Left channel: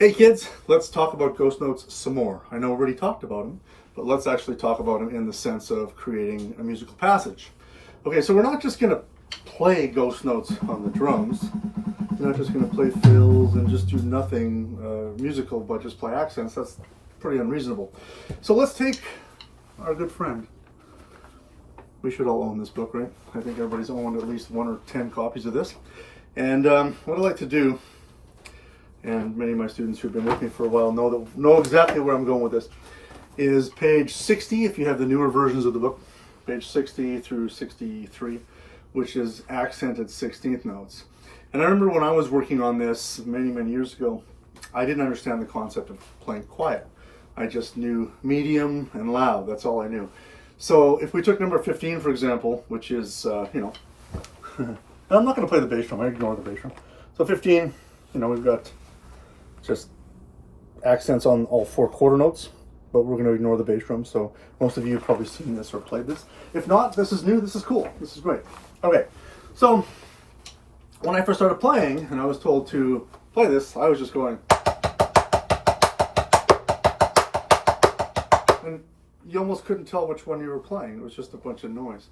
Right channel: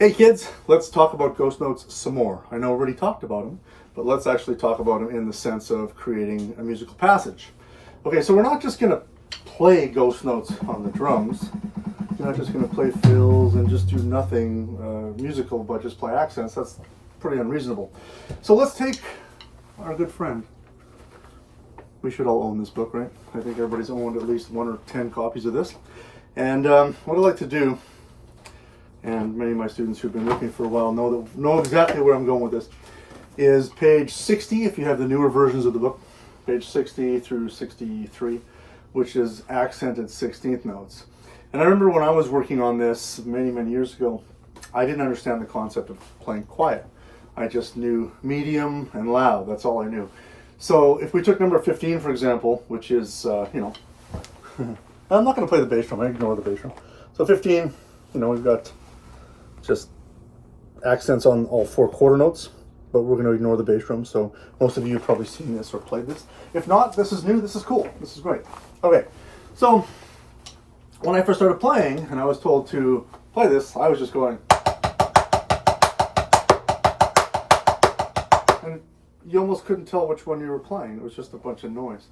Hey kids, let's talk about ghost notes some more. I know we already talked about them, but let's actually talk about them in the sense of creating a musical passage. Okay, so we're not just going to play ghost notes on the drums. We're not just going to play fills and just do nothing musical but just play accents. That's pretty unreasonable. So let's take our good friend. We should all own this book, right? I think everybody's owned at least 1 or 10 copies of this. And what I like to do, and many of my students who've been with me for a while know exactly where I'm going with this, is page 60, if you have the newer versions of the book, page 60 through 63, which is accented 16th notes. And I remember when I was working on this many years ago, I didn't understand the concept of playing quiet. I just knew medium and loud, that's all I knew. So if we took number 15, for example, which is, I'm not going to play the bass drum, I ignore the bass drum. So 15, we've got just accents on all 4 quarter notes, but we're going to ignore the bass drum. So most of you have probably seen this or played this. If not, this is new, this is cool, this is great. Okay, so when I first started playing and I was told to play this, I was just going, and you almost couldn't tell which one you were playing. It was just a bunch of noise.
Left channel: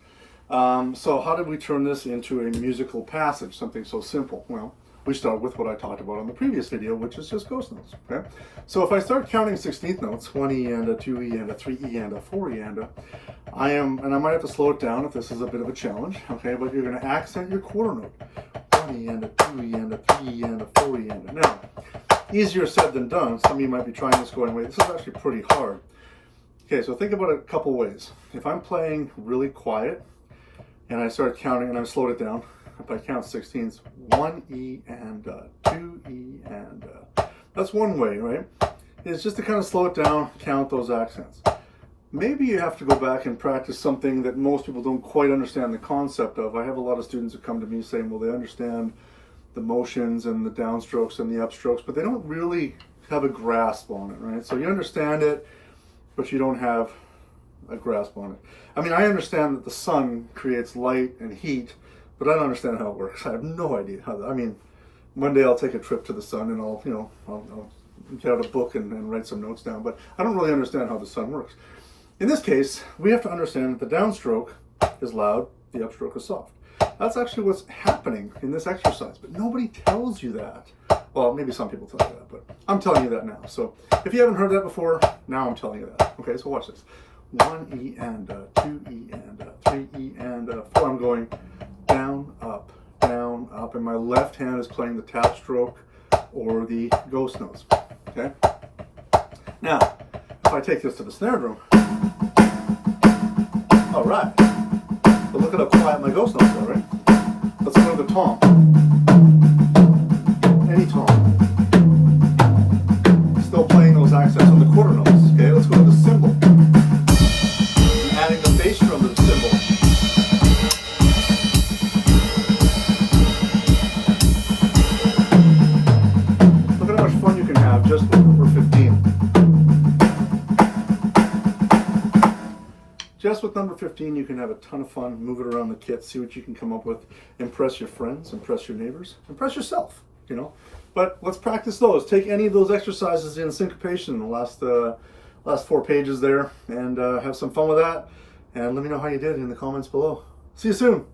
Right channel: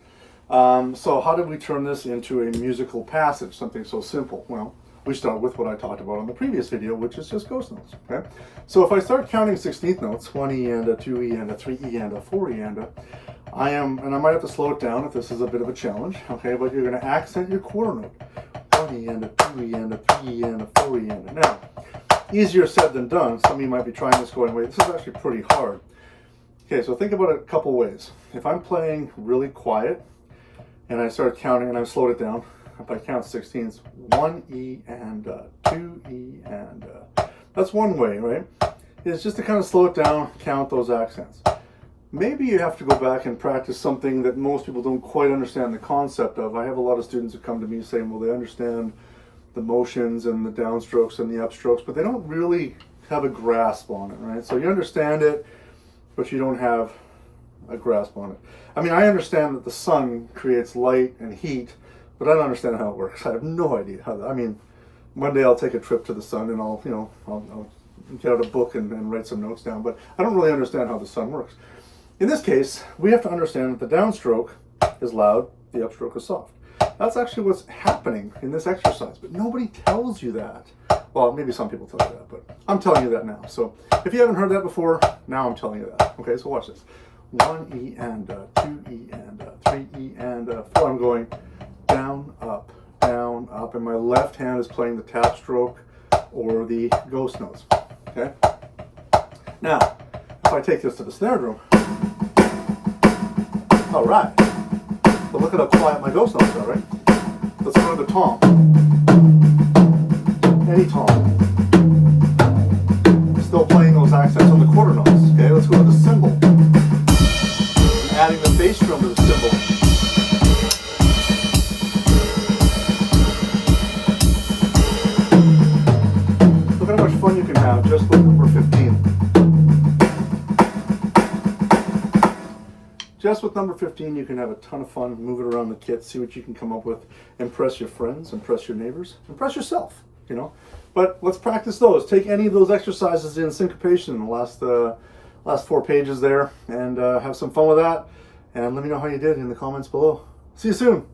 So how did we turn this into a musical passage, something so simple? Well, we start with what I talked about in the previous video, which is just ghost notes. Okay? So if I start counting 16th notes, 1 E and a 2 E and a 3 E and a 4 E and a, and I might have to slow it down if this is a bit of a challenge, okay, but you're going to accent your quarter note. 1 E and a 2 E and a 3 E and a 4 E and a. Now, easier said than done. Some of you might be trying this going, wait, this is actually pretty hard. Okay, so think about it a couple ways. If I'm playing really quiet and I start counting and I've slowed it down, if I count 16ths, 1 E and 2 E and that's one way, right? It's just to kind of slow it down, count those accents. Maybe you have to go back and practice something that most people don't quite understand the concept of. I have a lot of students who come to me saying, well, they understand the motions and the downstrokes and the upstrokes, but they don't really have a grasp on it, right? So you understand it, but you don't have a grasp on it. I mean, I understand that the sun creates light and heat, but I don't understand how it works. I have no idea how. I mean, one day I'll take a trip to the sun and I'll get out a book and write some notes down, but I don't really understand how the sun works. In this case, we have to understand that the downstroke is loud, the upstroke is soft. That's actually what's happening in this exercise, but nobody tells you that. Well, maybe some people tell you that, but I'm telling you that now. So if you haven't heard that before, now I'm telling you that. Okay, so watch this. 1 E and 2 E and 3 E and 4. I'm going down, up, and my left hand is playing the tap stroke or the ghost notes. Okay? Now, if I take this to the snare drum, all right. But look at how quiet my ghost notes are, right? Let's go to the tom. Any tom. Still playing those accents on the quarter notes. Okay, let's go to the cymbal. I'm adding the bass drum to the cymbal. Look at how much fun you can have just with number 15. Just with number 15, you can have a ton of fun, move it around the kit, see what you can come up with, impress your friends, impress your neighbors, impress yourself, But let's practice those. Take any of those exercises in syncopation in the last 4 pages there, and have some fun with that. And let me know how you did in the comments below. See you soon.